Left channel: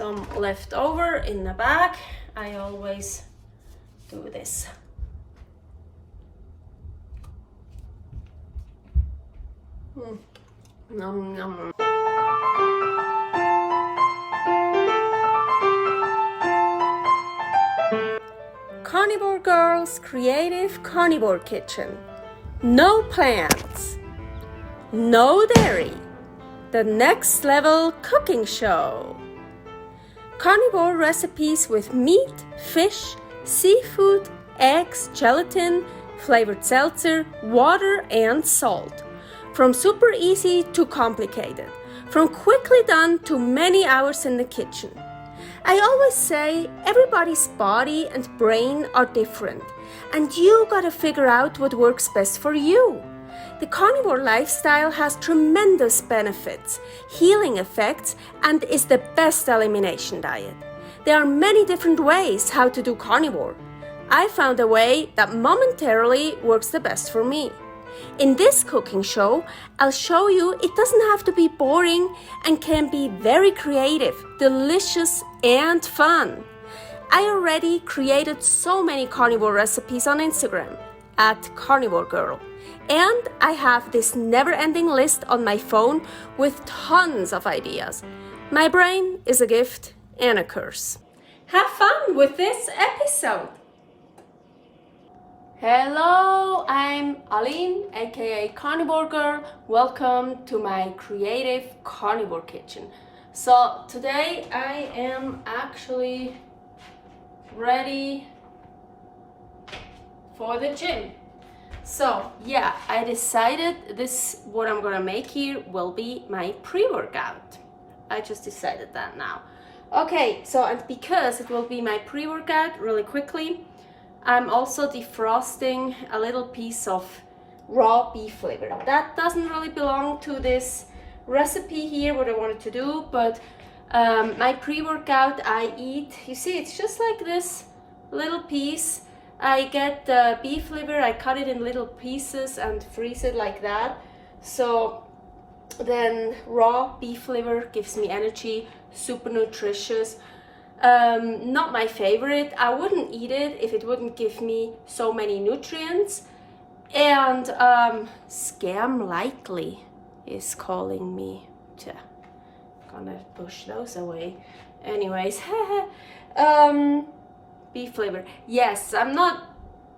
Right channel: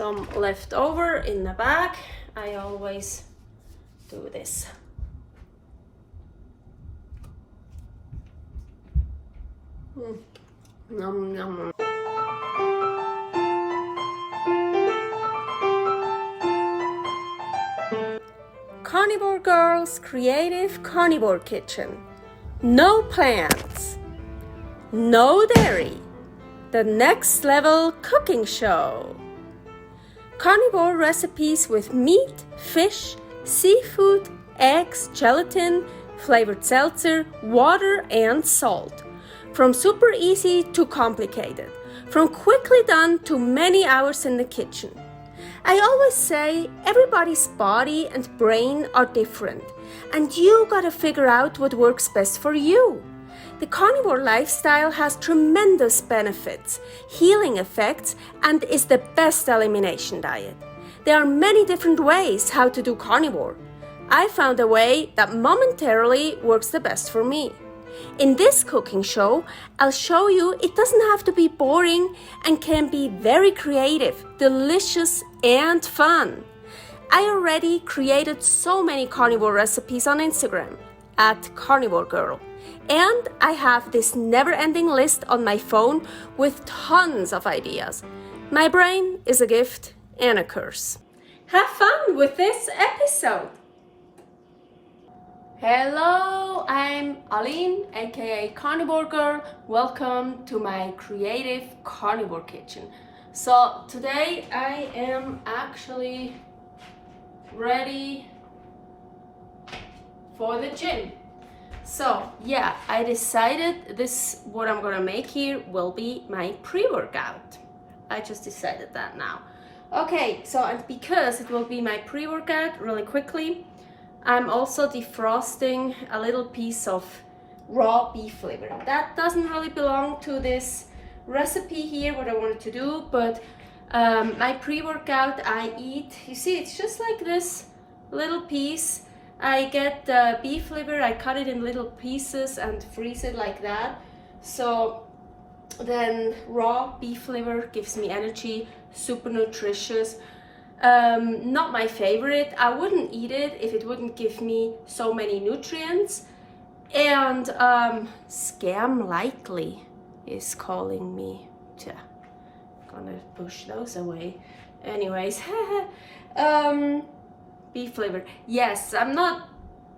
some left over in the bag. I always do this. Nom, nom. Carnivore Girl's Creative Carnivore Kitchen. No plants, no dairy, the next level cooking show. Carnivore recipes with meat, fish, seafood, eggs, gelatin, flavored seltzer, water, and salt. From super easy to complicated, from quickly done to many hours in the kitchen. I always say everybody's body and brain are different, and you gotta figure out what works best for you. The carnivore lifestyle has tremendous benefits, healing effects, and is the best elimination diet. There are many different ways how to do carnivore. I found a way that momentarily works the best for me. In this cooking show, I'll show you it doesn't have to be boring and can be very creative, delicious, and fun. I already created so many carnivore recipes on Instagram at karnivorgirl, and I have this never-ending list on my phone with tons of ideas. My brain is a gift and a curse. Have fun with this episode! Hello, I'm Aline, aka Carnivore Girl. Welcome to my creative carnivore kitchen. So today I am actually ready for the gym. So yeah, I decided what I'm gonna make here will be my pre-workout. I just decided that now. Okay, so and because it will be my pre-workout really quickly, I'm also defrosting a little piece of raw beef liver. That doesn't really belong to this recipe here, what I wanted to do, but my pre-workout I eat, you see, it's just like this little piece. I get the beef liver, I cut it in little pieces and freeze it like that. So then raw beef liver gives me energy, super nutritious. Not my favorite. I wouldn't eat it if it wouldn't give me so many nutrients. And Scam Likely is calling me. Gonna push those away. Anyways, beef liver. Yes, I'm not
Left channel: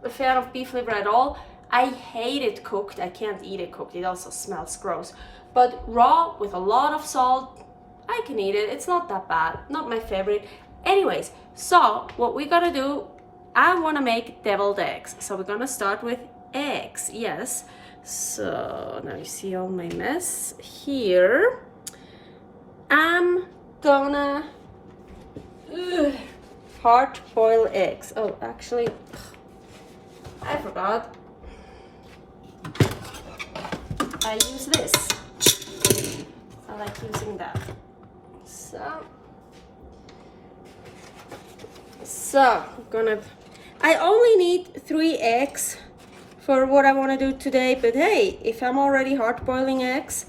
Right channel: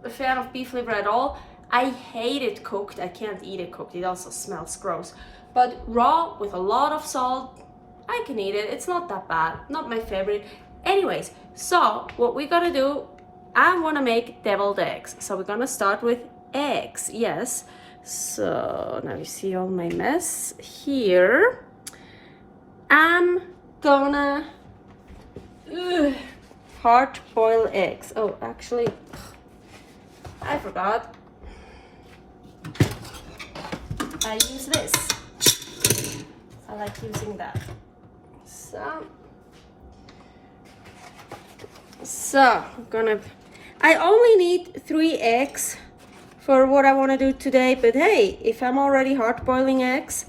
a fan of beef liver at all. I hate it cooked. I can't eat it cooked. It also smells gross. But raw with a lot of salt, I can eat it. It's not that bad. Not my favorite. Anyways, so what we gotta do, I wanna make deviled eggs. So we're gonna start with eggs, yes. So now you see all my mess here. I'm gonna hard-boiled eggs. Oh, actually, I forgot. I use this. I like using that. So I only need 3 eggs for what I want to do today, but hey, if I'm already hard boiling eggs,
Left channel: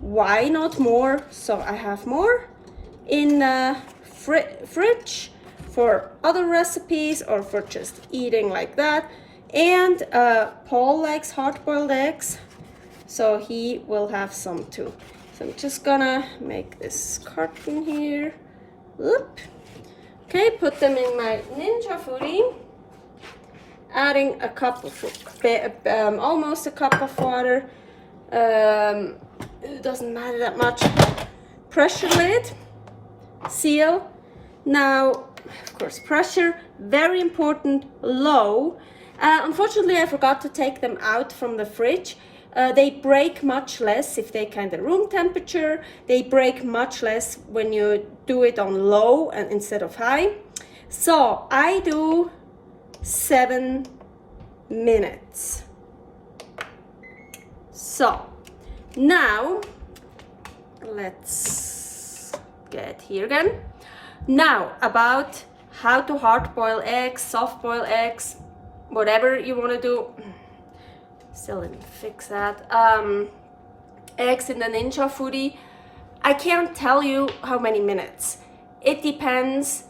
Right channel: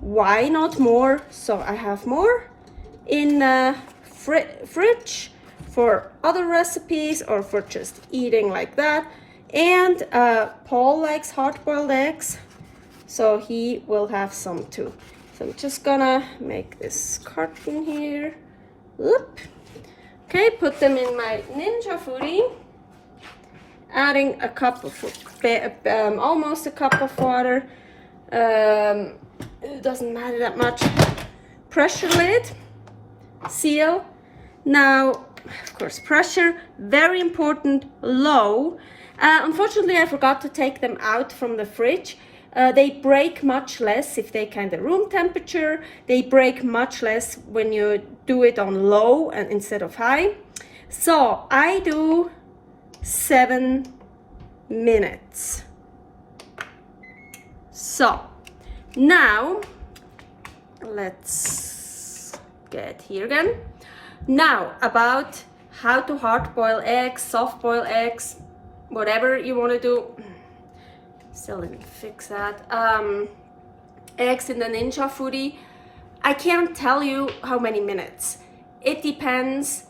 why not more? So I have more in the fridge for other recipes or for just eating like that. And Paul likes hard boiled eggs, so he will have some too. So I'm just gonna make this carton here. Whoop. Okay, put them in my Ninja Foodi. Adding a cup of, almost a cup of water. It doesn't matter that much. Pressure lid, seal. Now, of course, pressure, very important, low. Unfortunately, I forgot to take them out from the fridge. They break much less if they kind of room temperature. They break much less when you do it on low instead of high. So I do 7 minutes. So now let's get here again. Now about how to hard boil eggs, soft boil eggs, whatever you want to do. Still didn't fix that. Eggs in the Ninja Foodi. I can't tell you how many minutes. it depends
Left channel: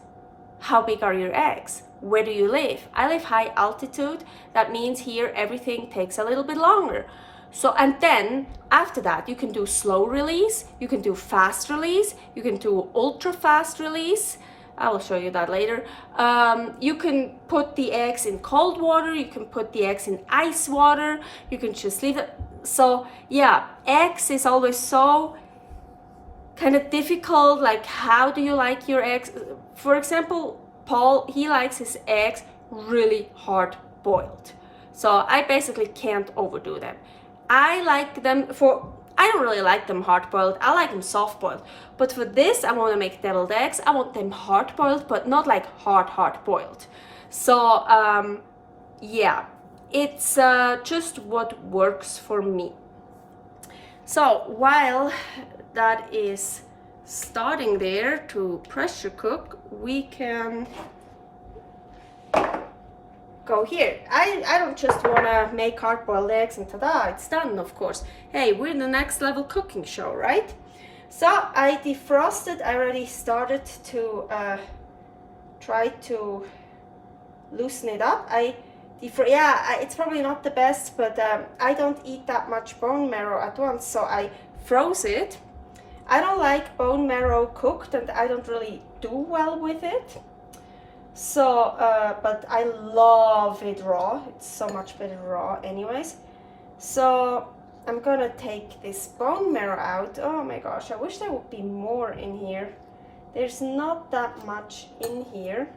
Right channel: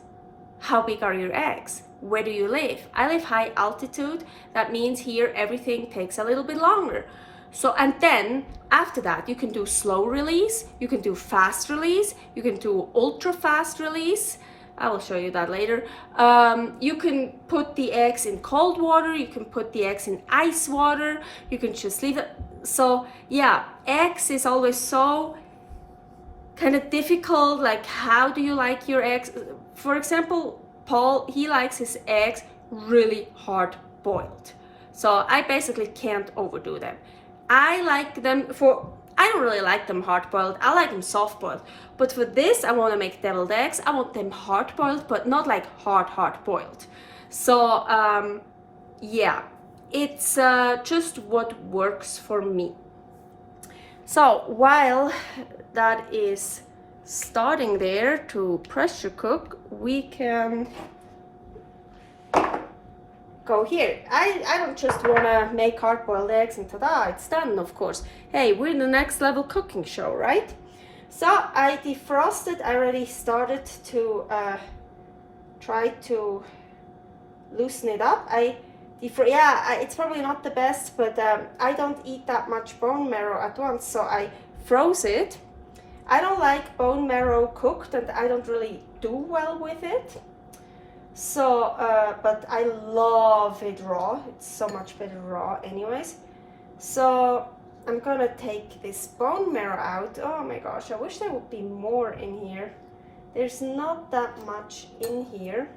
how big are your eggs. Where do you live? I live high altitude. That means here everything takes a little bit longer. So, and then after that, you can do slow release, you can do fast release, you can do ultra fast release. I will show you that later. You can put the eggs in cold water, you can put the eggs in ice water, you can just leave it. So yeah, eggs is always so kind of difficult. Like, how do you like your eggs? For example, Paul, he likes his eggs really hard boiled. So I basically can't overdo them. I like them I don't really like them hard boiled. I like them soft boiled. But for this, I want to make deviled eggs. I want them hard boiled, but not like hard boiled. So yeah, it's just what works for me. So while that is starting there to pressure cook, we can go here. I don't just want to make hard-boiled eggs and ta-da, it's done, of course. Hey, we're in the next level cooking show, right? So I defrosted. I already started to try to loosen it up. It's probably not the best, but I don't eat that much bone marrow at once, so I froze it. I don't like bone marrow cooked, and I don't really do well with it. So, but I love it raw. It's so much better raw anyways. So I'm gonna take this bone marrow out. Oh my gosh, I wish there would be more in here. There's not that much in here,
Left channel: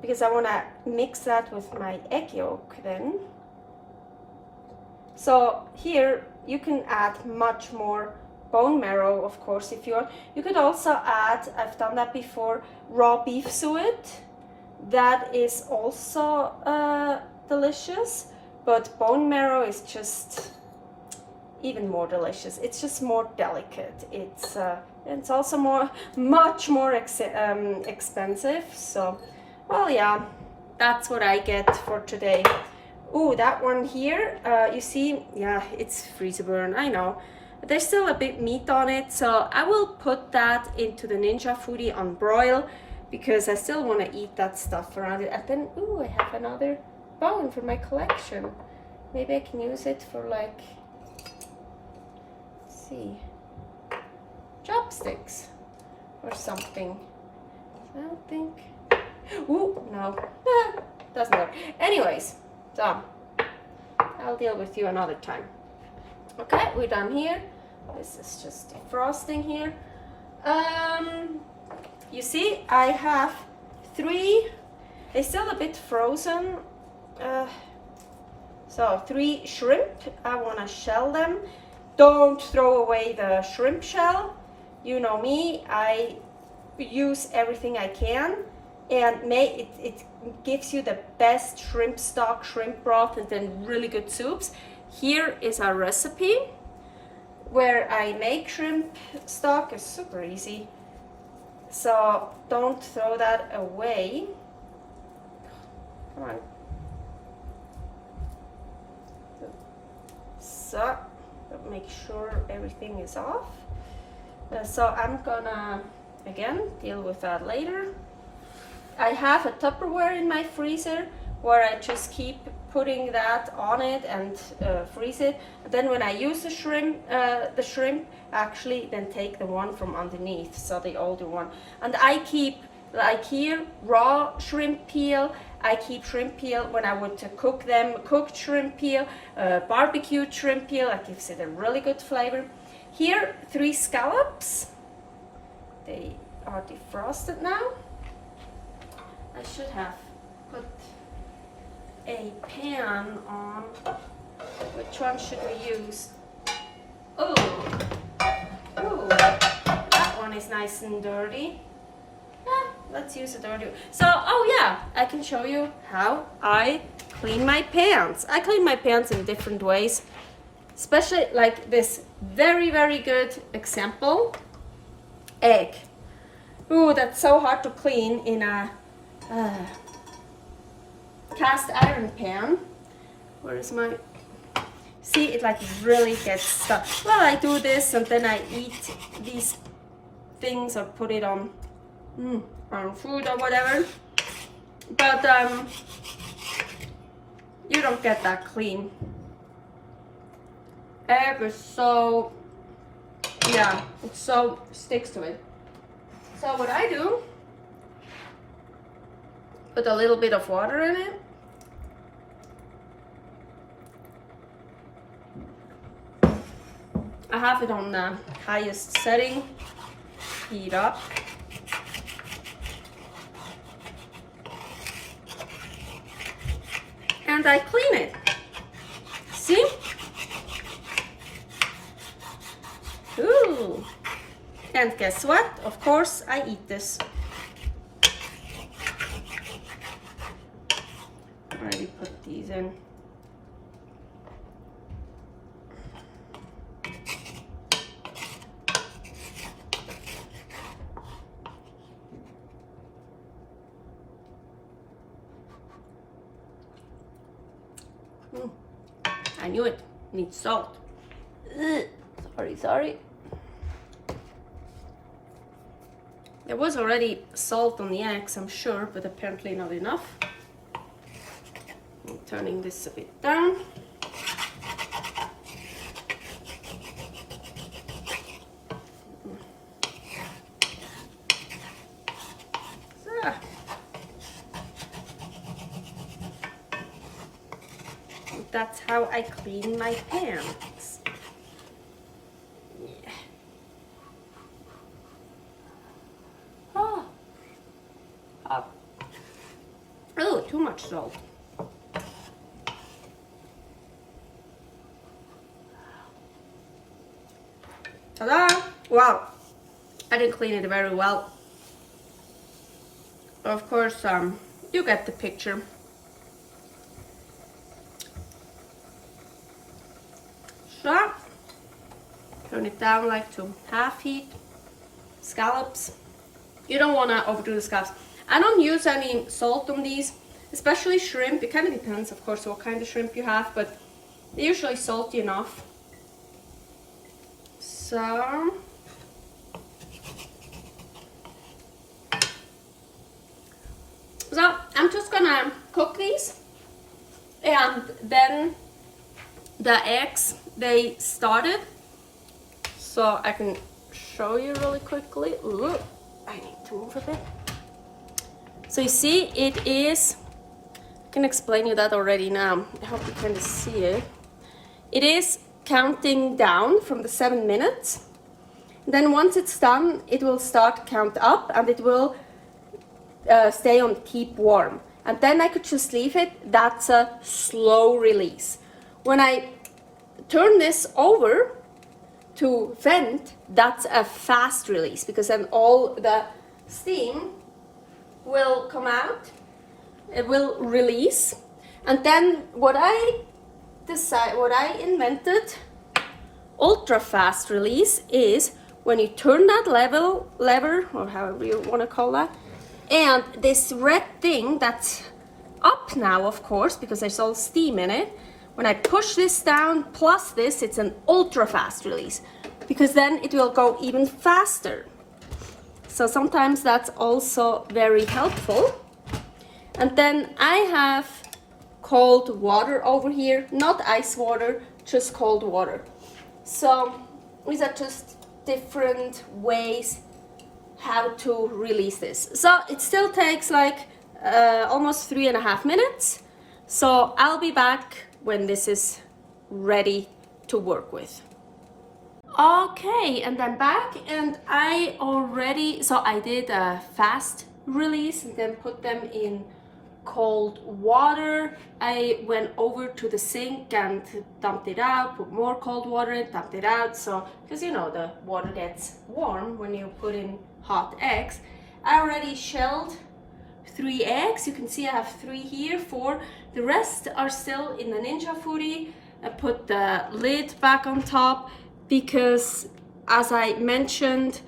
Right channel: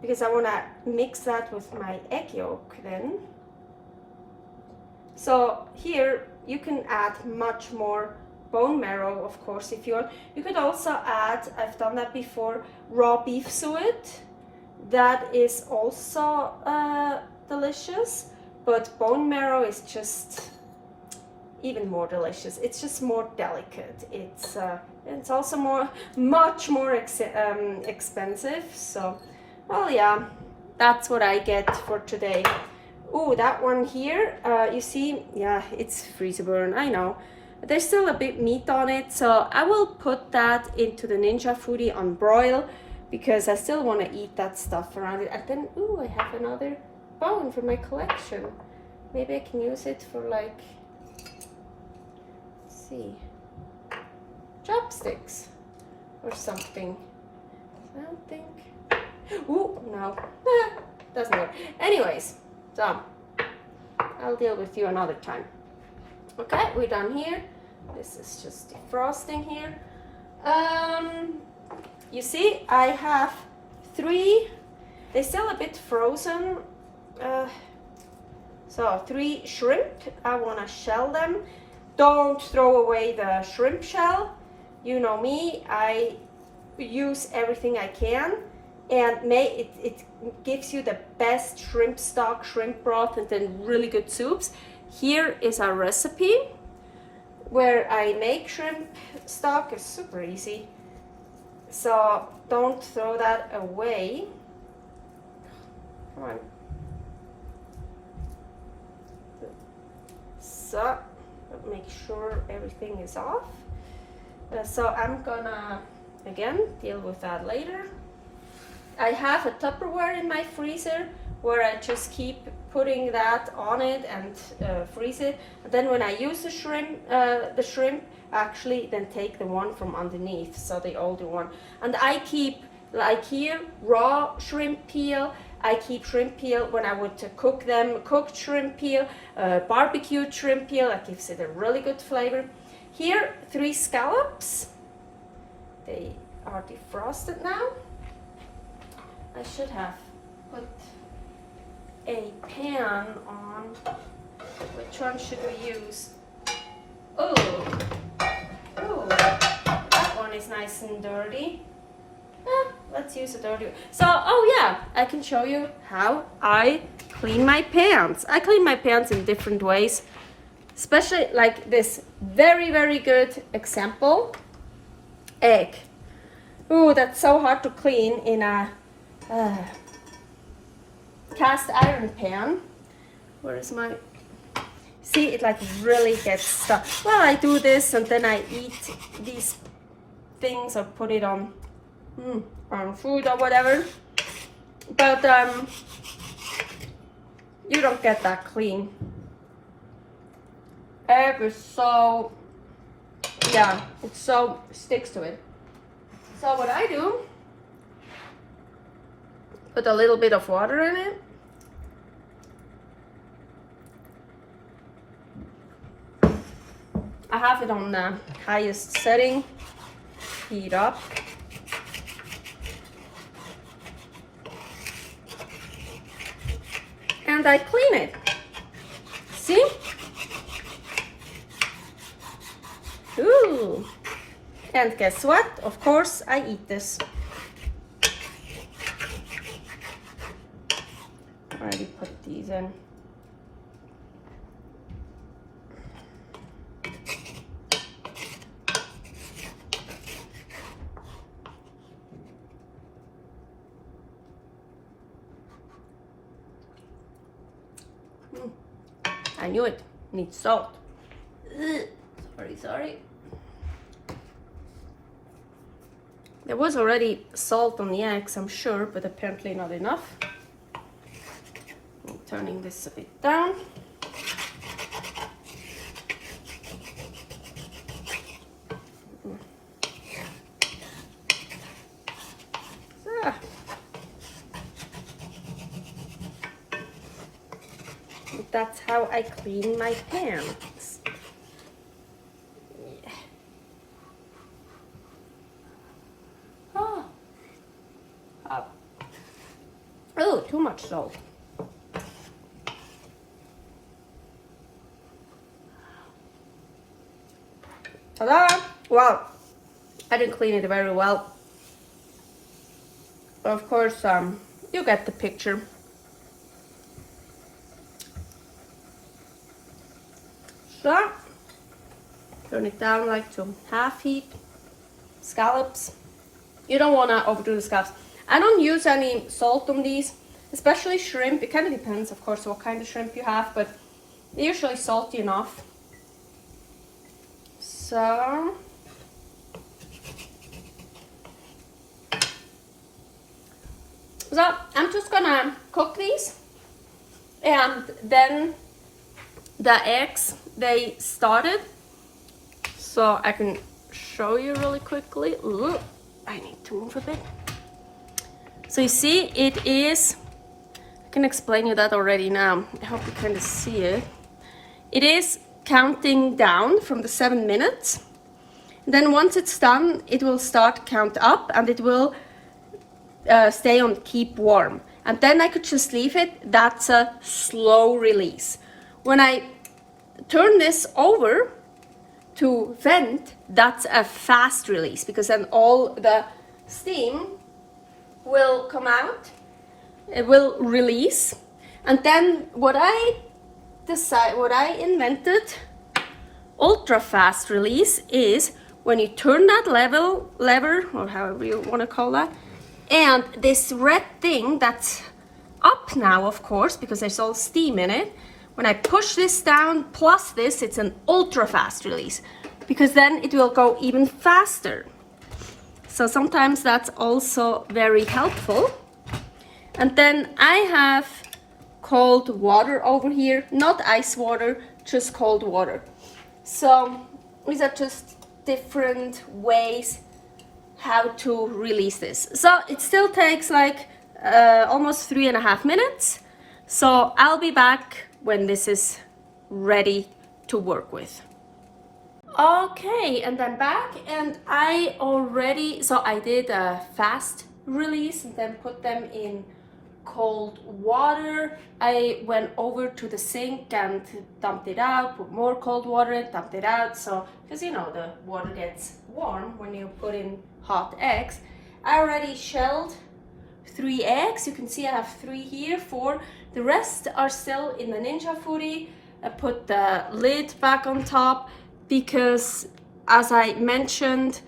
because I wanna mix that with my egg yolk then. So here you can add much more bone marrow, of course, if you want. You could also add, I've done that before, raw beef suet. That is also delicious, but bone marrow is just even more delicious. It's just more delicate. It's also much more expensive. So, well, yeah, that's what I get for today. Oh, that one here, you see, yeah, it's freezer burn, I know. There's still a bit meat on it, so I will put that into the Ninja Foodi on broil, because I still want to eat that stuff around it. And then, ooh, I have another bone for my collection. Maybe I can use it for, like, let's see, chopsticks or something. I don't think. Ooh, no, doesn't work. Anyways, so I'll deal with you another time. Okay, we're done here. This is just defrosting here. You see, I have 3. They're still a bit frozen. So 3 shrimp. I want to shell them. Don't throw away the shrimp shell. You know me, I use everything I can, and it gives you the best shrimp stock, shrimp broth, and then really good soups. Here is our recipe where I make shrimp stock. It's super easy, so don't throw that away. Come on. So make sure everything is off. So I'm gonna again deal with that later. I have a Tupperware in my freezer where I just keep putting that on it and freeze it. And then when I use the shrimp, actually then take the one from underneath, so the older one. And I keep, like here, raw shrimp peel. I keep shrimp peel when I would cook them, cooked shrimp peel, barbecued shrimp peel. That gives it a really good flavor. Here, 3 scallops. They are defrosted now. I should have put a pan on. Which one should we use? Oh, that one is nice and dirty. Let's use a dirty one. So, oh yeah, I can show you how I clean my pans. I clean my pans in different ways, especially like this very, very good example. Egg. Ooh, that's so hard to clean in a cast iron pan. Where is my, see, it like really gets stuck. Well, I do this and then I eat these things or put it on food or whatever. But you don't get that clean. Egg is so, yeah, it so sticks to it. So what I do, put a little bit of water in it. I have it on the highest setting, heat up. And I clean it. See? Ooh. And guess what? Of course, I eat this. Already put these in. I knew it. Needs salt. Ugh. Sorry. There was already salt on the eggs, I'm sure, but apparently not enough. I'm turning this a bit down. So. That's how I clean my pans. Yeah. Oh, too much salt. Ta-da! Wow, I didn't clean it very well. Of course, you get the picture. So, turn it down like to half heat. Scallops. You don't want to overdo the scallops. I don't use any salt on these, especially shrimp. It kind of depends, of course, what kind of shrimp you have, but they're usually salty enough. So, I'm just gonna cook these, and then the eggs, they started, so I can show you really quickly. Ooh, I need to move a bit. So you see, it is, I can explain you that already now. I hope you can see it. It is counting down from the 7 minutes. Then once it's done, it will start count up, and it will stay on keep warm. And then I could just leave it. That's a slow release. When I turn this over to vent, that's a fast release, because then all the steam will come out, it will release. And then what I invented, ultra fast release, is when you turn that lever, or however you want to call that, and this red thing that's up now, of course, because there's all steam in it, when I push this down plus this, it's an ultra fast release, because then it will go even faster. So sometimes that's also very helpful. And then I have cold water over here, not ice water, just cold water. So these are just different ways how to release this. So it still takes like almost 3.5 minutes. So I'll be back when this is ready to work with. Okay, and I'm back, and I did a fast release and then put them in cold water. I went over to the sink and dumped it out, put more cold water and dumped it out. So, because you know the water gets warm when you put in hot eggs. I already shelled 3 eggs. You can see I have 3 here, 4. The rest are still in the Ninja Foodi. I put the lid back on top because, as I mentioned,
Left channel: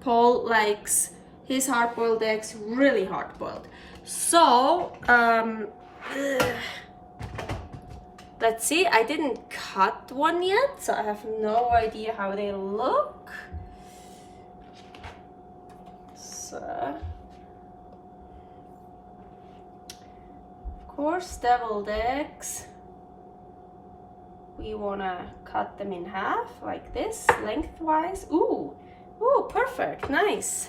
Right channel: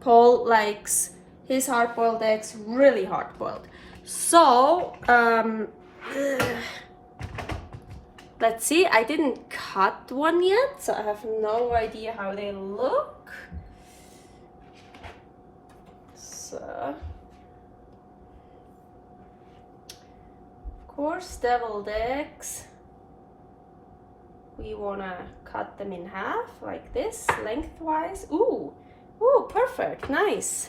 Paul likes his hard-boiled eggs really hard-boiled. So, let's see, I didn't cut one yet, so I have no idea how they look. So, of course, deviled eggs. We wanna cut them in half like this, lengthwise. Ooh, ooh, perfect, nice.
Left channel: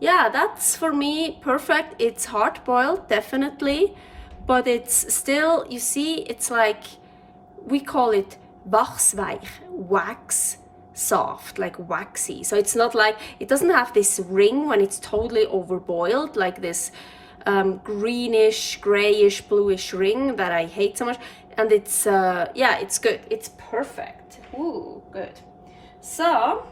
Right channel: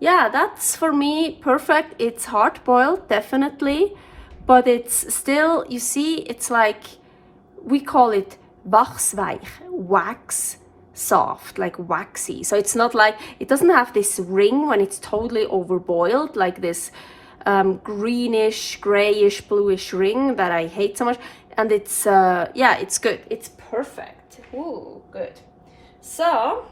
Yeah, that's for me perfect. It's hard boiled, definitely, but it's still, you see, it's like, we call it wachsweich, wax soft, like waxy. So it's not like, it doesn't have this ring when it's totally overboiled, like this greenish, grayish, bluish ring that I hate so much. And it's, yeah, it's good. It's perfect. Ooh, good. So,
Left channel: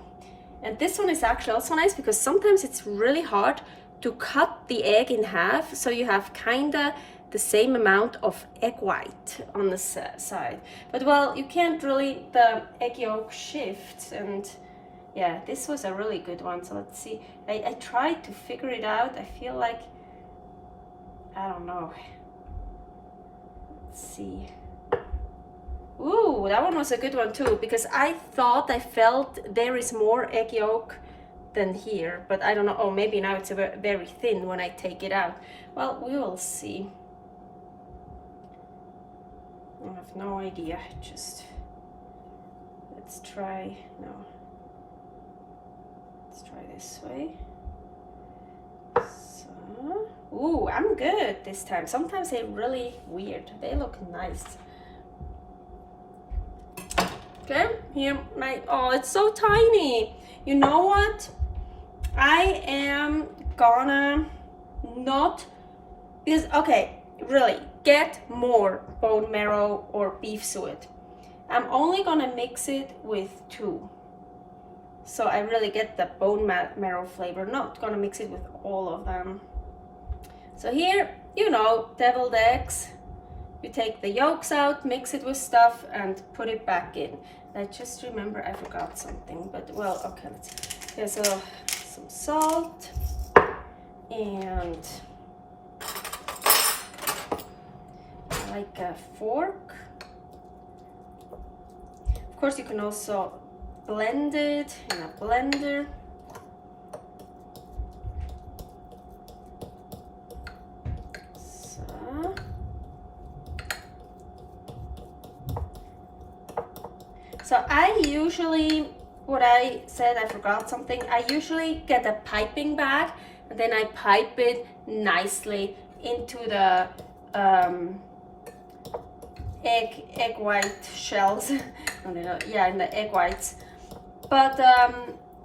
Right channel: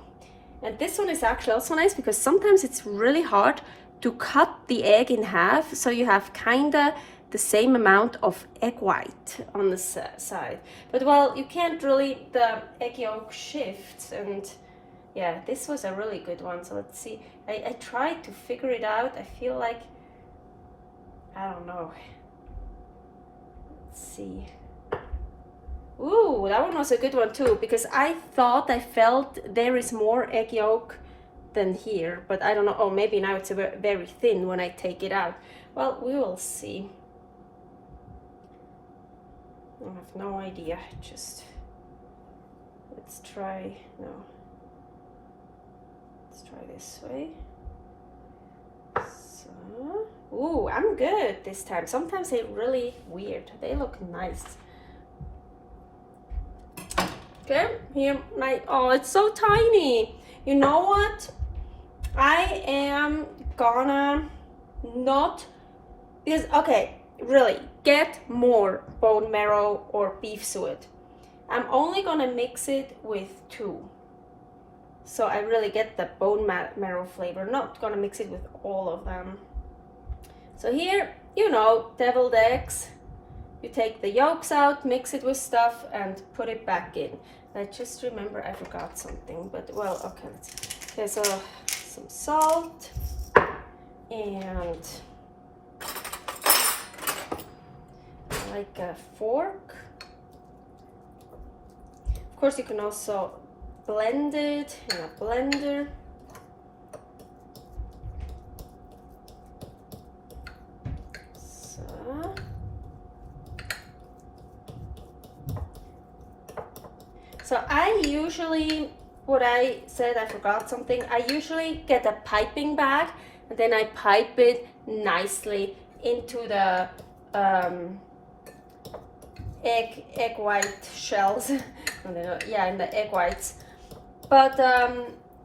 and this one is actually also nice because sometimes it's really hard to cut the egg in half, so you have kinda the same amount of egg white on the side. But well, you can't really, the egg yolk shifts, and yeah, this was a really good one. So let's see, I tried to figure it out. I feel like, I don't know. Let's see. Ooh, that one was a good one too, because I thought I felt there is more egg yolk than here, but I don't know. Oh, maybe now it's very thin when I take it out. Well, we will see. I have no idea. Just let's try. No, let's try this way. So, ooh, I'm good this time. Sometimes they're really weird. They look nice. Okay, here my, oh, it's so tiny. You know what? I am gonna not, because, okay, really, get more bone marrow or beef suet. I'm only gonna mix it with 2. So I really get the bone marrow flavor, not gonna mix it with all of them. So here, you know, deviled eggs. You take the yolks out, mix it with stuff, and put it back in. I just remember I forgot something, but well, okay. Okay, so some salt and like a fork. Of course, you can also blend it in a blender. So I usually, what I said, I forgot something. I usually get a piping bag and then I pipe it nicely into the egg white shells. Yeah, in the egg whites. But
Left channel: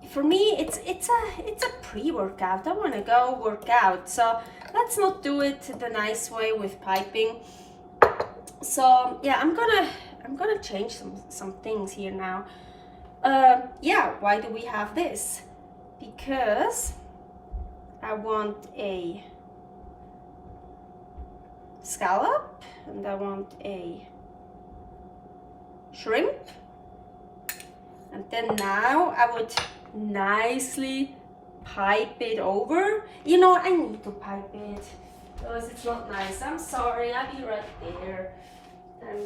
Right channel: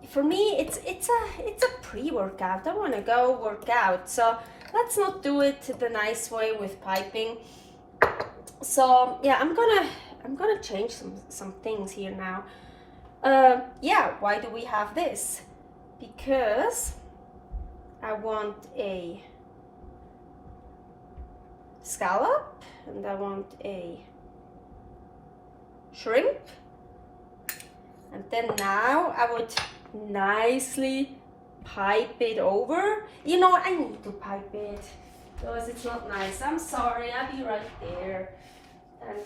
for me, it's a pre-workout. I want to go work out, so let's not do it the nice way with piping. So yeah, I'm gonna change some things here now. Yeah, why do we have this? Because I want a scallop and I want a shrimp, and then now I would nicely pipe it over. You know, I need to pipe it because it's not nice. I'm sorry, I'll be right there. And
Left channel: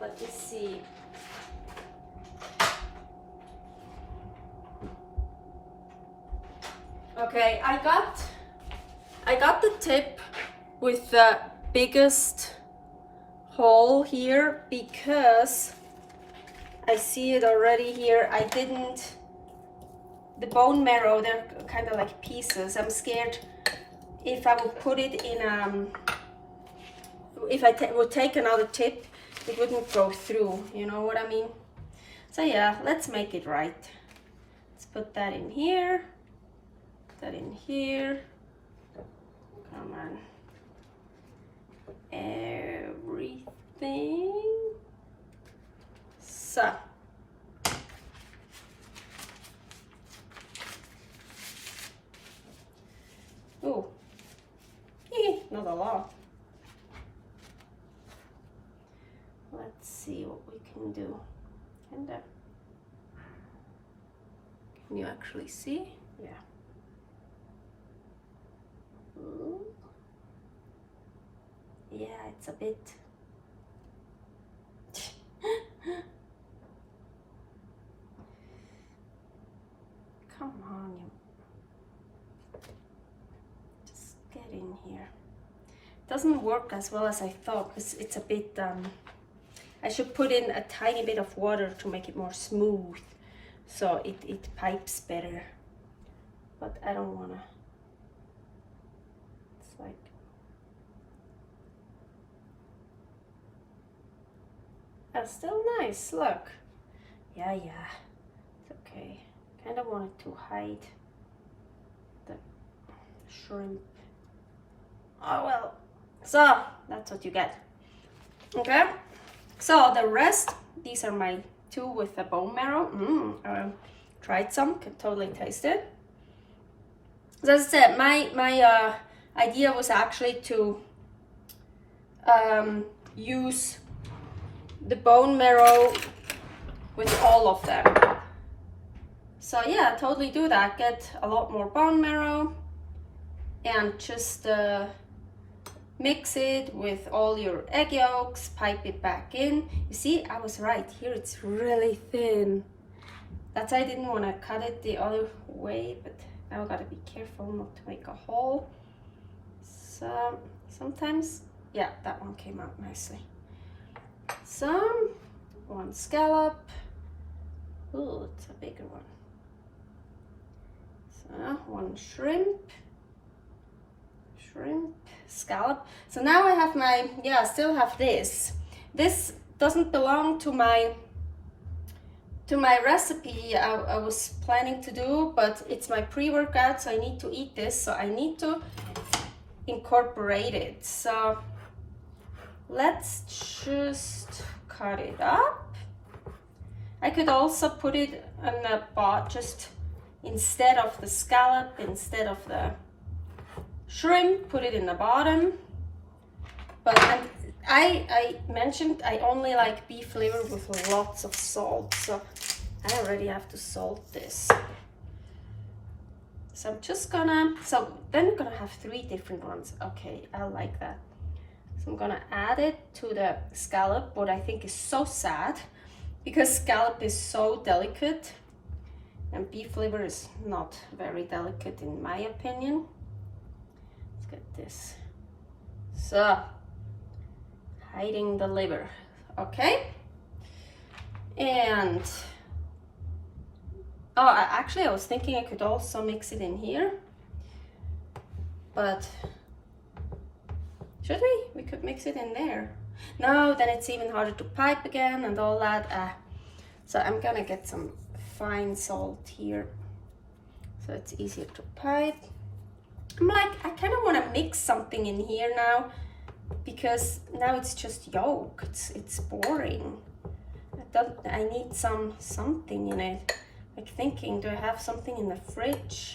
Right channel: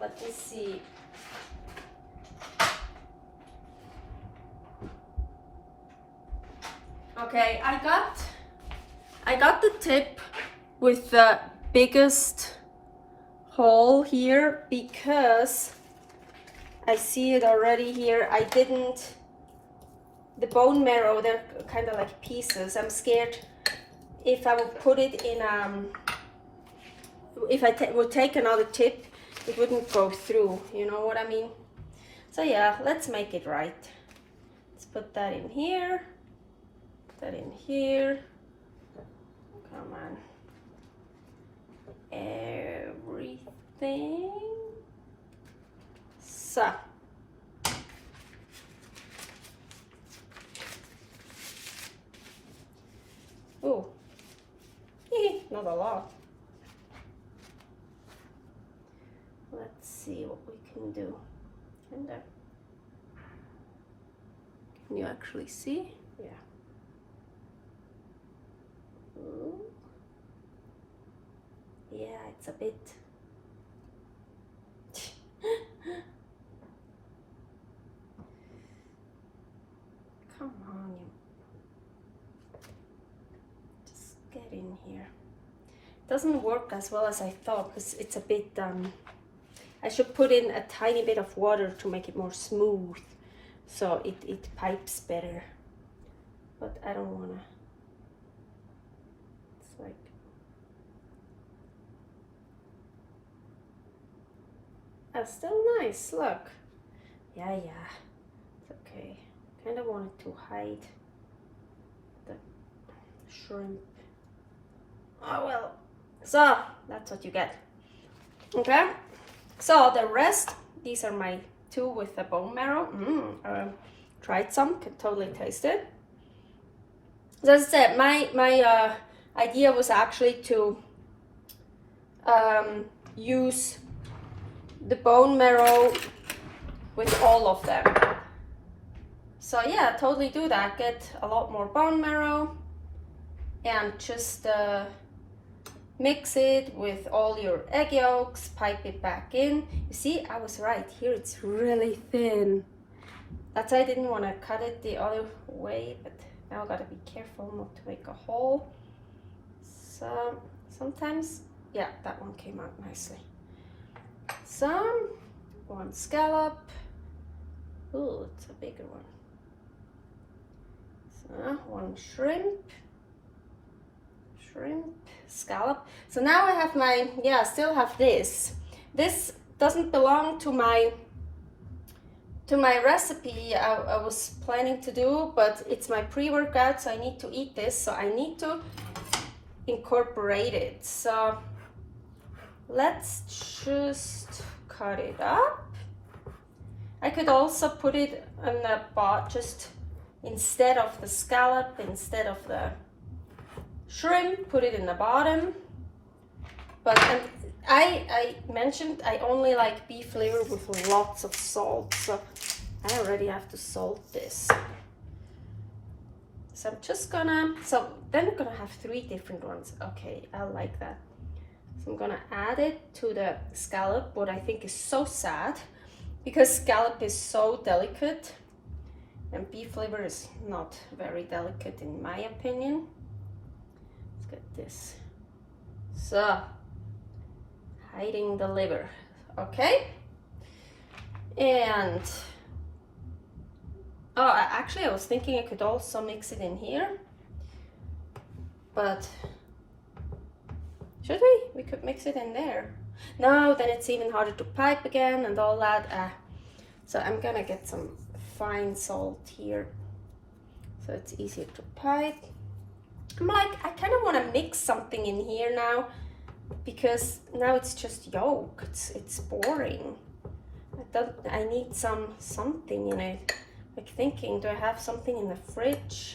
let me see. Okay, I got the tip with the biggest hole here because I see it already here. I didn't, the bone marrow, they're kind of like pieces. I'm scared if I would put it in, if I would take another tip, it wouldn't go through, you know what I mean? So yeah, let's make it right. Let's put that in here, put that in here. Come on. Everything. So. Oh, not a lot. Let's see what we can do. And can you actually see? Yeah. Ooh. Yeah, it's a bit. Come on, you. in here. Doesn't work as well as I thought because it's a bit, I should put in a tiny bit of water to make it more smooth so it pipes better. But I don't wanna, it's like, that's still nice, look. Yeah, it's okay. Kind of wanted to hide the shrimp. Oh well, so that's what you get. Okay, so the rest, these are my two with the bone marrow. Tried some, could totally taste it. So as I said, my idea was actually to use the bone marrow with all of them. So yeah, totally do that. Get a lot more bone marrow and just mix it with all your egg yolks, pipe it back in. You see, I was right. Here it's really thin. That's why I didn't want to cut it the other way, but now I gotta be careful not to make a hole. So sometimes, yeah, that one came out nicely. Some, one scallop. Ooh, it's a bigger one. So one shrimp, scallop. So now I have my, yeah, I still have this. This doesn't belong to my recipe I was planning to do, but it's my pre-workout, so I need to eat this, so I need to incorporate it. So let's just cut it up. I could also put it in a pot, just instead of the scallop, instead of the shrimp, put it in the bottom. But I mentioned I only like beef liver with lots of salt, so I already have to salt this. So I'm just gonna, so then I'm gonna have 3 different ones. Okay, I like that. So I'm gonna add it to the scallop, what I think is so sad, because scallop is so delicate and beef liver is not very delicate in my opinion. Let's get this. So, hiding the liver, okay? And, oh, actually I was thinking I could also mix it in here, but should we? We could mix it in there. No, then it's even harder to pipe again and all that. So I'm gonna get some fine salt here so it's easier to pipe. I'm like, I kind of want to mix something in here now because now it's just yolk. It's boring. I need something in it. Like thinking, do I have something in the fridge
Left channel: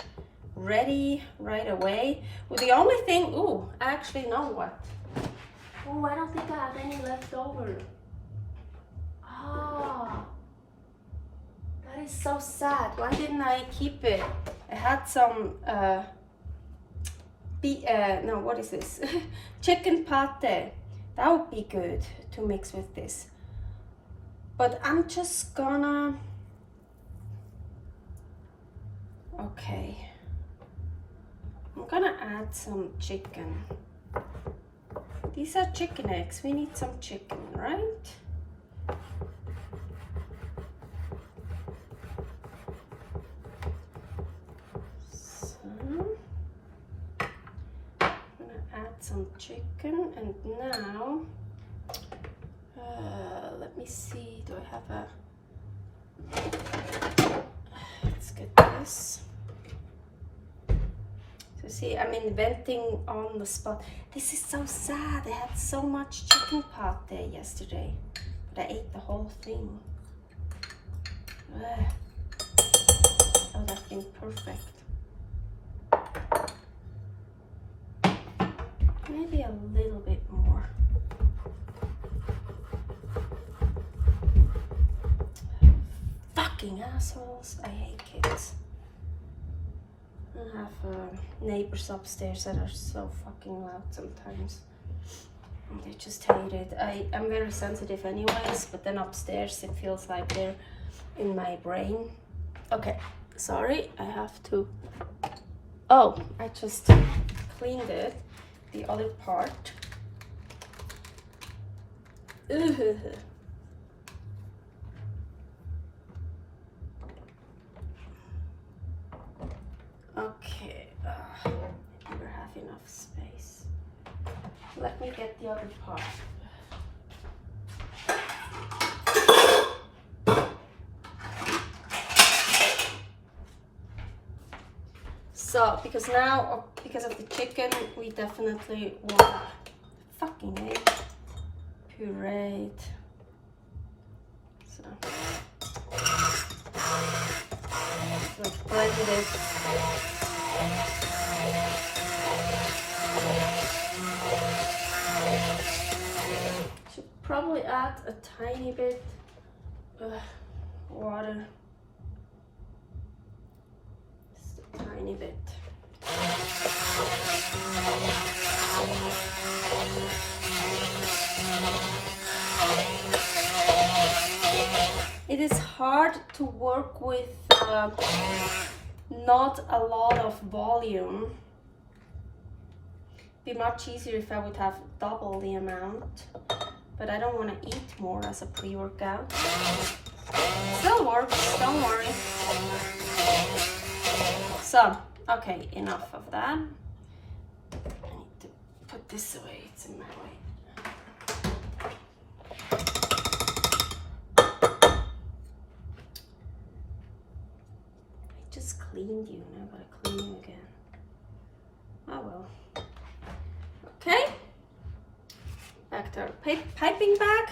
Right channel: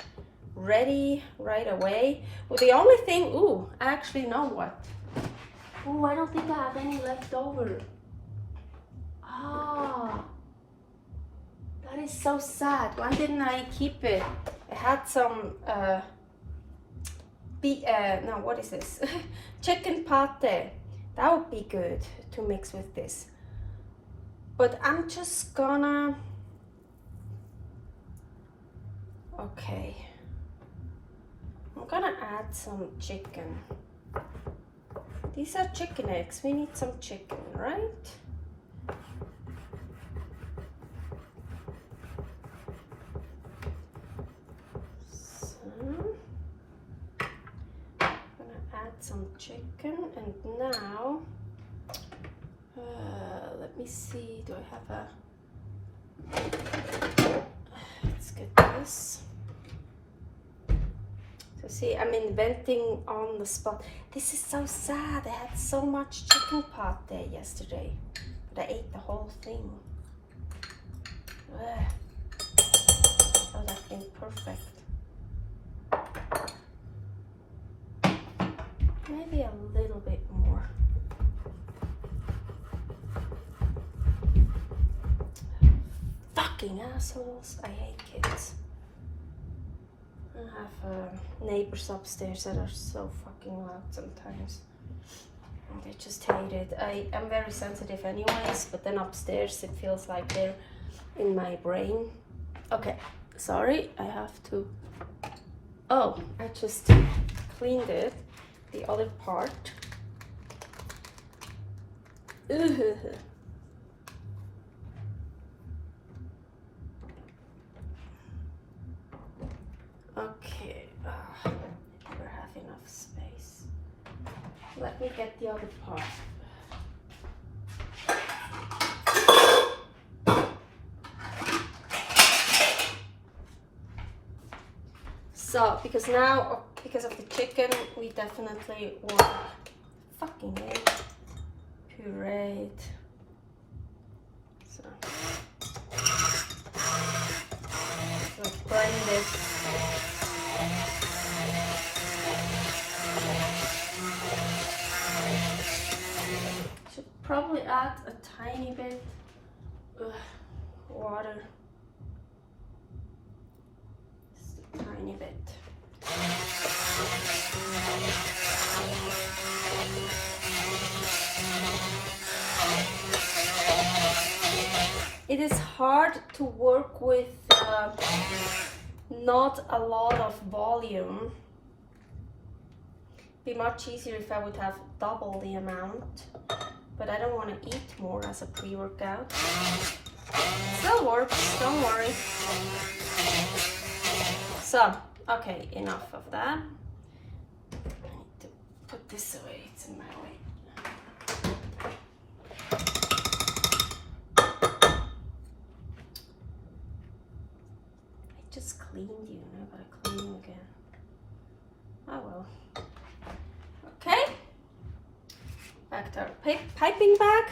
ready right away? Well, the only thing, ooh, I actually know what. Oh, I don't think I have any left over. Ah, that is so sad. Why didn't I keep it? I had some, no, what is this? Chicken pate. That would be good to mix with this. But I'm just gonna, okay. I'm gonna add some chicken. These are chicken eggs. We need some chicken, right? So, I'm gonna add some chicken, and now, let me see. Do I have a? Let's get this. So see, I'm inventing on the spot. This is so sad. I had so much chicken pate yesterday, but I ate the whole thing. Ugh. That would have been perfect. Maybe a little bit more. Fucking assholes. I hate kids. I have neighbors upstairs that are so fucking loud sometimes. And they just hate it. I'm very sensitive anyways, but then upstairs it feels like they're in my brain. Okay, sorry, I have to... Oh, I just cleaned it. the other part. Ooh. Okay, never have enough space. Let me get the other part. So, because now, because of the chicken, we definitely want fucking egg pureed. So grind it. Should probably add a tiny bit of water. Just a tiny bit. It is hard to work with not a lot of volume. It'd be much easier if I would have double the amount, but I don't want to eat more as a pre-workout. Still works, don't worry. So, okay, enough of that. I need to put this away, it's in my way. Cleaned you, now I gotta clean you again. Oh well. Okay. Back to our piping bag.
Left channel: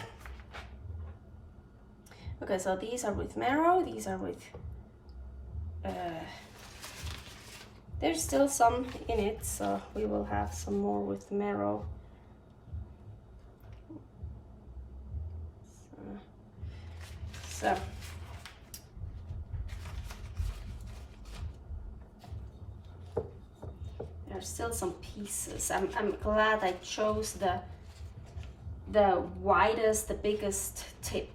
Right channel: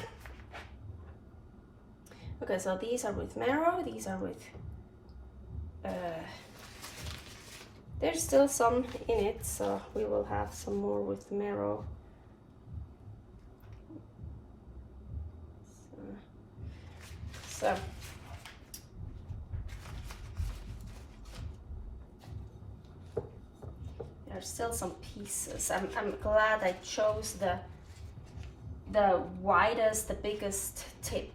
Okay, so these are with marrow, these are with there's still some in it, so we will have some more with marrow. So there's still some pieces. I'm glad I chose the widest, the biggest tip.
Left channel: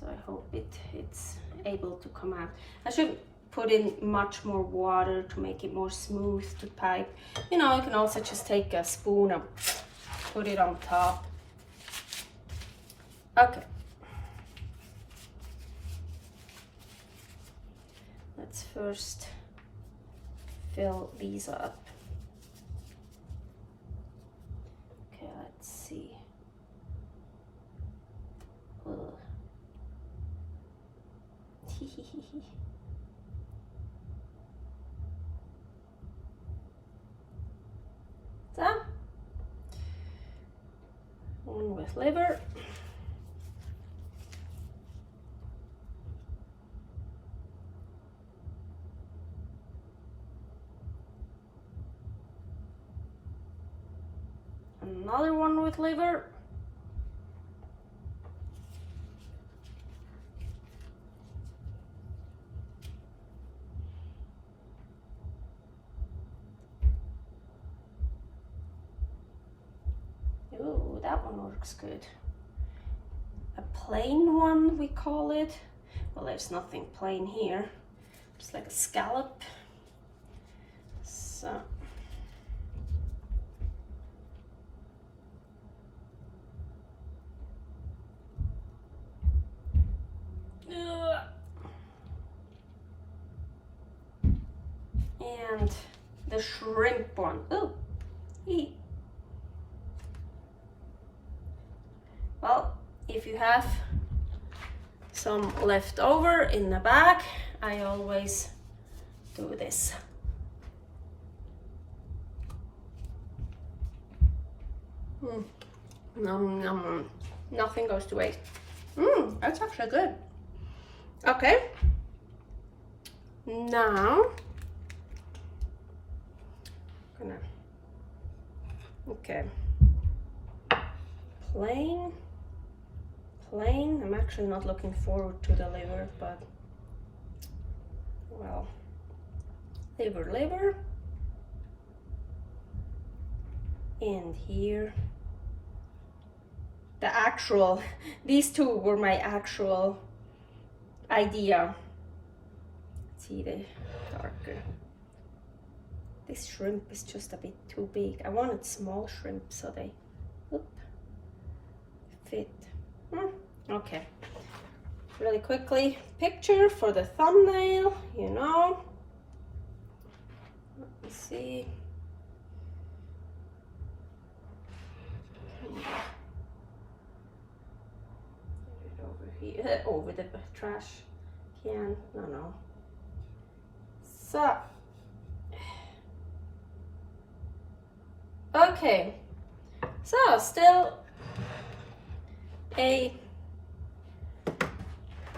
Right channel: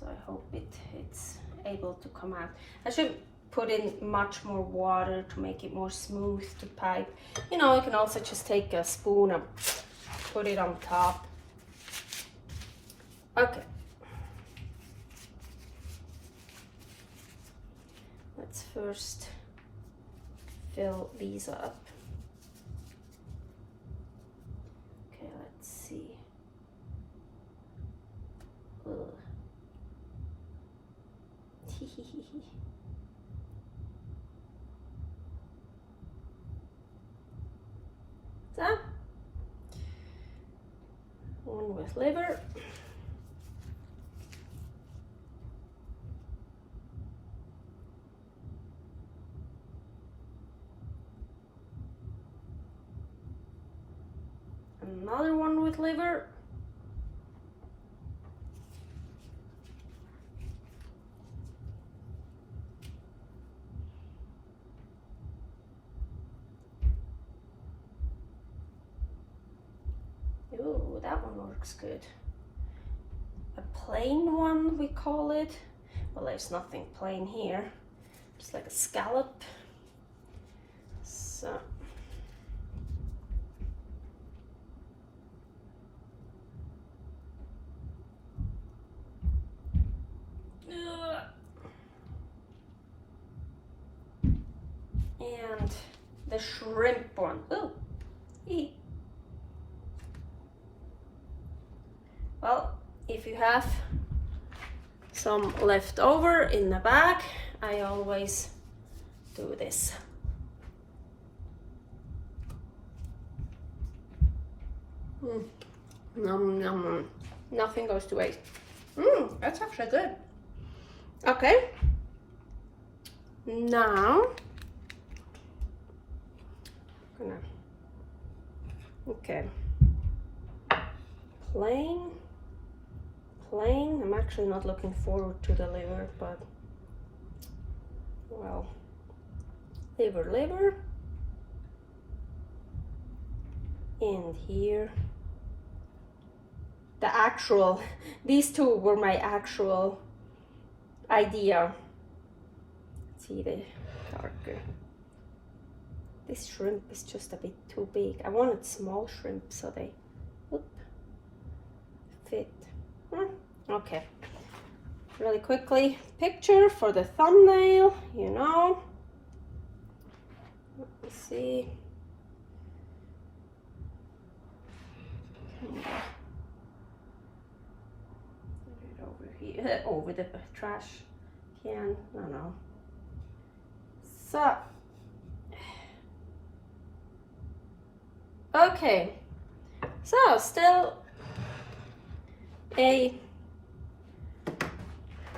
So I hope it's able to come out. I should put in much more water to make it more smooth to pipe. You know, you can also just take a spoon and put it on top. Okay. Let's first fill these up. Okay, let's see. So, one with liver. Another one with liver. Ooh, that one works good. A plain one, we call it. Well, there's nothing plain here. Just like a scallop. So. And the shrimp one. Ooh. Well, if you have some left over in the bag, I always do this. Nom, nom. Nothing goes to waste. That's actually good. Okay. Now, okay. Plain. I'm actually not looking forward to the liver, but well, liver. And here, the actual, these two were my actual idea. Let's see the darker. this shrimp is just a bit too big. I wanted small shrimp so they fit. Okay, really quickly, picture for the thumbnail, you know. Let me see. Over here, over the trash can. No. So, okay. So still a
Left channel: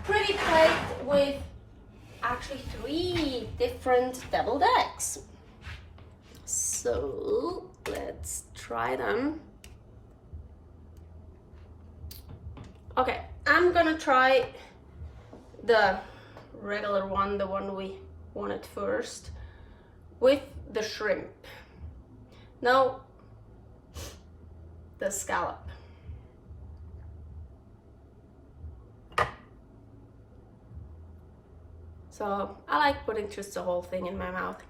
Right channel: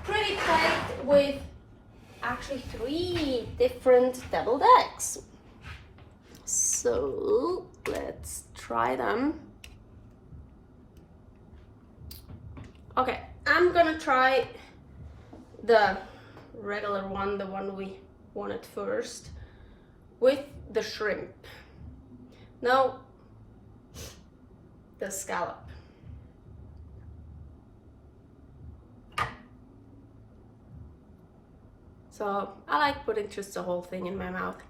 pretty plate with actually 3 different deviled eggs. So let's try them. Okay, I'm gonna try the regular one, the one we wanted first, with the shrimp. Now, the scallop. So I like putting just the whole thing in my mouth.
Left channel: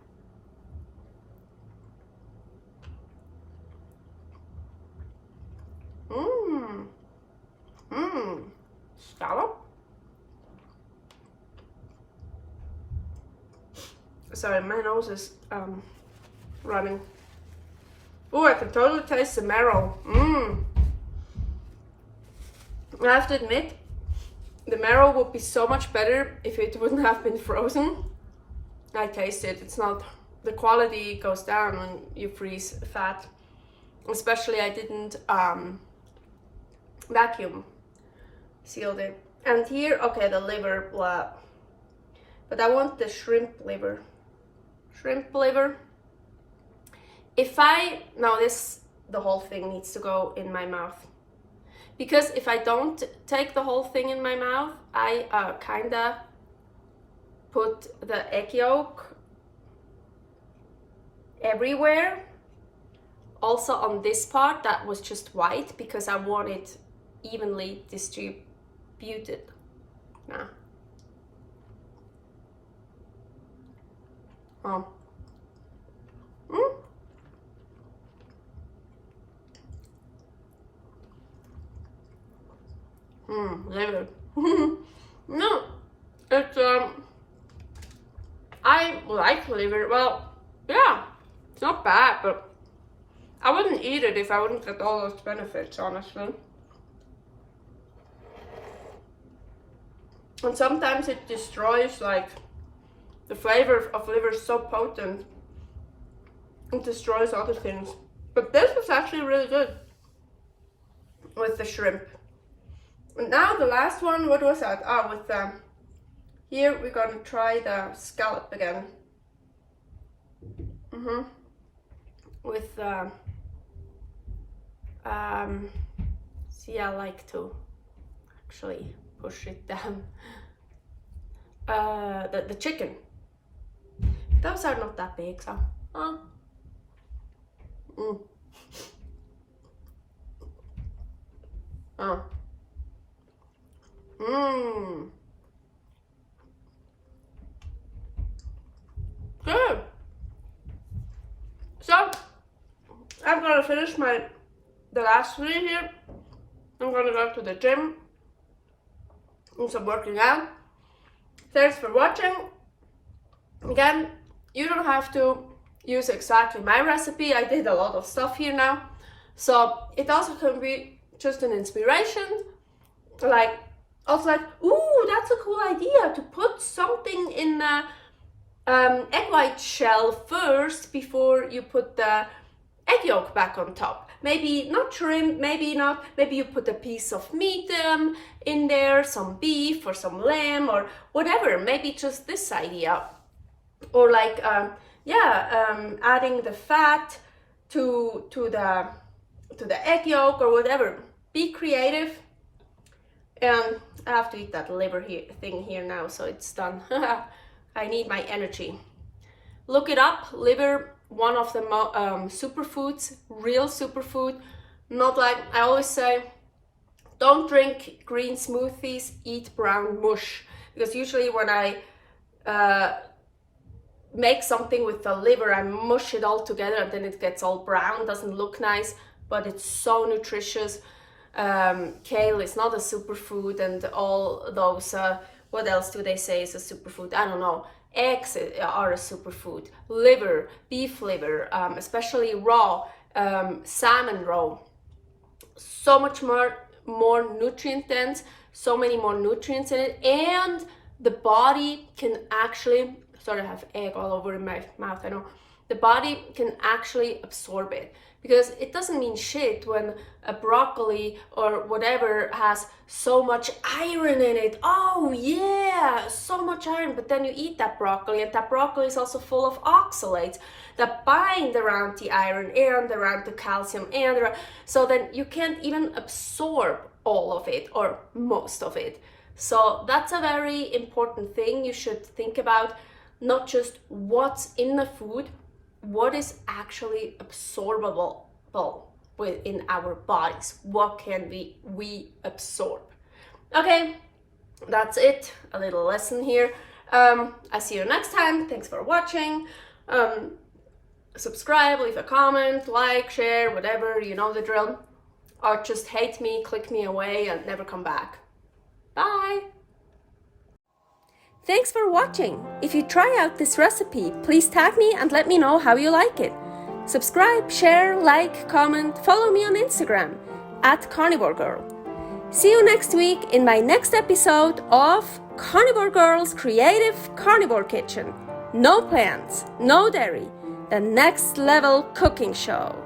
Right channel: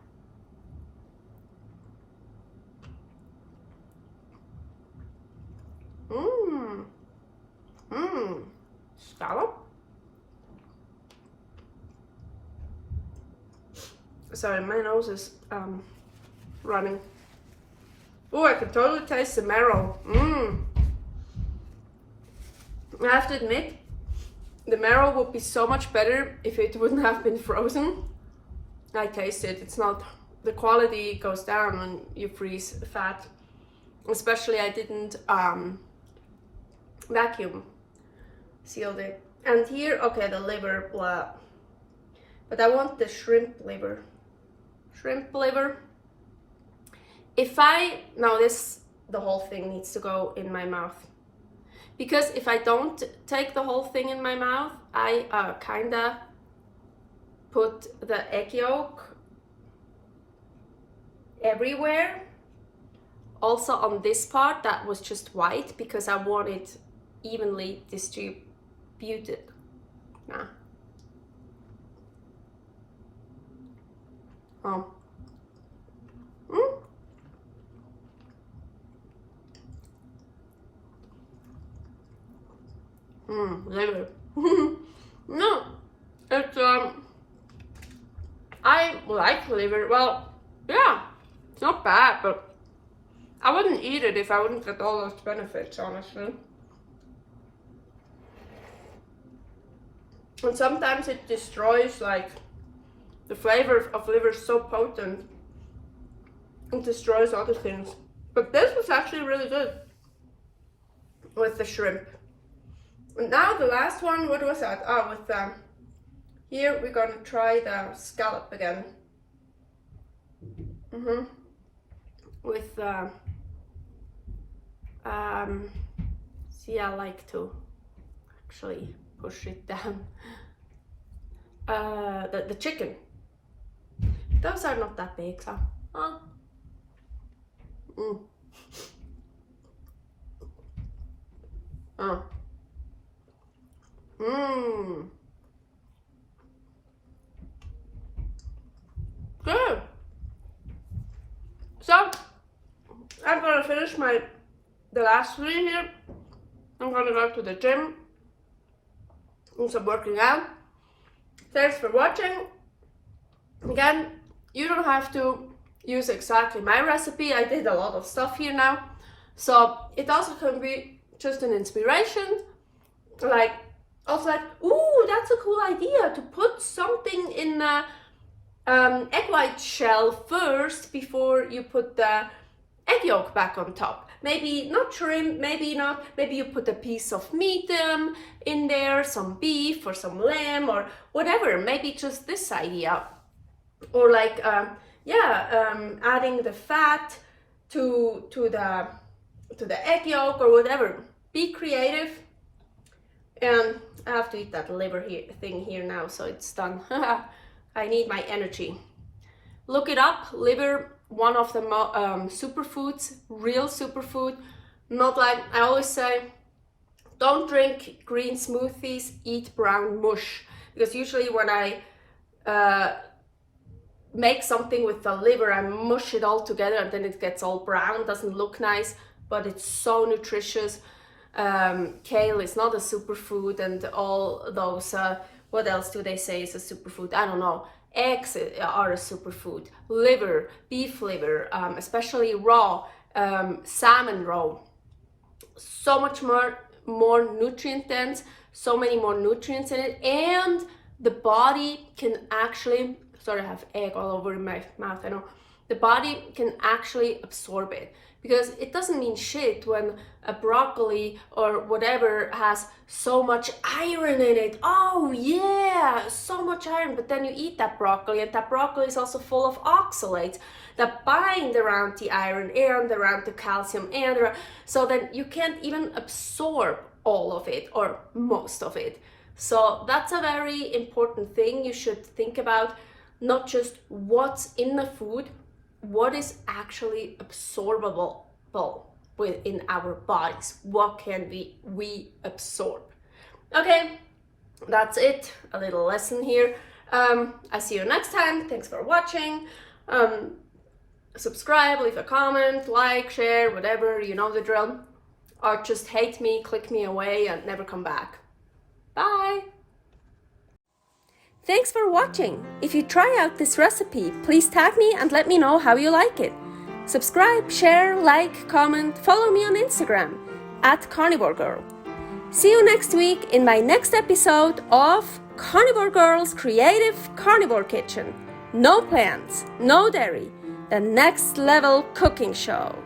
Scallop. Sorry, my nose is running. Oh, I can totally taste the marrow. I have to admit, the marrow would be so much better if it wouldn't have been frozen. I taste it. It's not, the quality goes down when you freeze fat. Especially I didn't vacuum sealed it. And here, okay, the liver, blah. But I want the shrimp liver. Shrimp liver. Now the whole thing needs to go in my mouth. Because if I don't take the whole thing in my mouth, I kinda put the egg yolk everywhere. Also on this part that was just white because I want it evenly distributed. Nah. Oh. Liver. No, it's I like liver. Well, yeah, it's not bad, but I wouldn't eat it if I wouldn't get all those benefits, honestly. And sometimes it destroys, like, the flavor of liver is so potent, it destroys other things. But this was actually really good with the shrimp. And now the last one, what was that? Oh, with here we're gonna try the scallop again. With see, I like to actually push it down. The chicken. Those are not that big, so. Good. So I'm gonna finish the last 3 here. I'm gonna go to the gym and some working out. Thanks for watching. Again, you don't have to use exactly my recipe. I did a lot of stuff here now, so it also can be just an inspiration. Like, ooh, that's a cool idea to put something in the egg white shell first before you put the egg yolk back on top. Maybe not shrimp, maybe you put a piece of meat in there, some beef or some lamb or whatever. Maybe just this idea. Or like, adding the fat to the egg yolk or whatever. Be creative. And I have to eat that liver thing here now, so it's done. I need my energy. Look it up, liver, one of the superfoods, real superfood. Not like, I always say, don't drink green smoothies, eat brown mush. Because usually when I make something with the liver, I mush it all together and then it gets all brown, doesn't look nice, but it's so nutritious. Kale is not a superfood, and all those, what else do they say is a superfood? I don't know. Eggs are a superfood. Liver, beef liver, especially raw, salmon raw. So much more nutrient dense, so many more nutrients in it, and the body can actually, sorry, I have egg all over in my mouth, I know. The body can actually absorb it, because it doesn't mean shit when a broccoli or whatever has so much iron in it. Oh yeah, so much iron, but then you eat that broccoli, and that broccoli is also full of oxalates that bind around the iron and around the calcium, and so then you can't even absorb all of it or most of it. So that's a very important thing you should think about, not just what's in the food, what is actually absorbable within our bodies. What can we absorb? Okay, that's it. A little lesson here. I see you next time. Thanks for watching. Subscribe, leave a comment, like, share, whatever, you know the drill. Or just hate me, click me away, and never come back. Bye! Thanks for watching. If you try out this recipe, please tag me and let me know how you like it. Subscribe, share, like, comment, follow me on Instagram @karnivorgirl. See you next week in my next episode of Carnivore Girl's Creative Carnivore Kitchen. No plants, no dairy, the next level cooking show.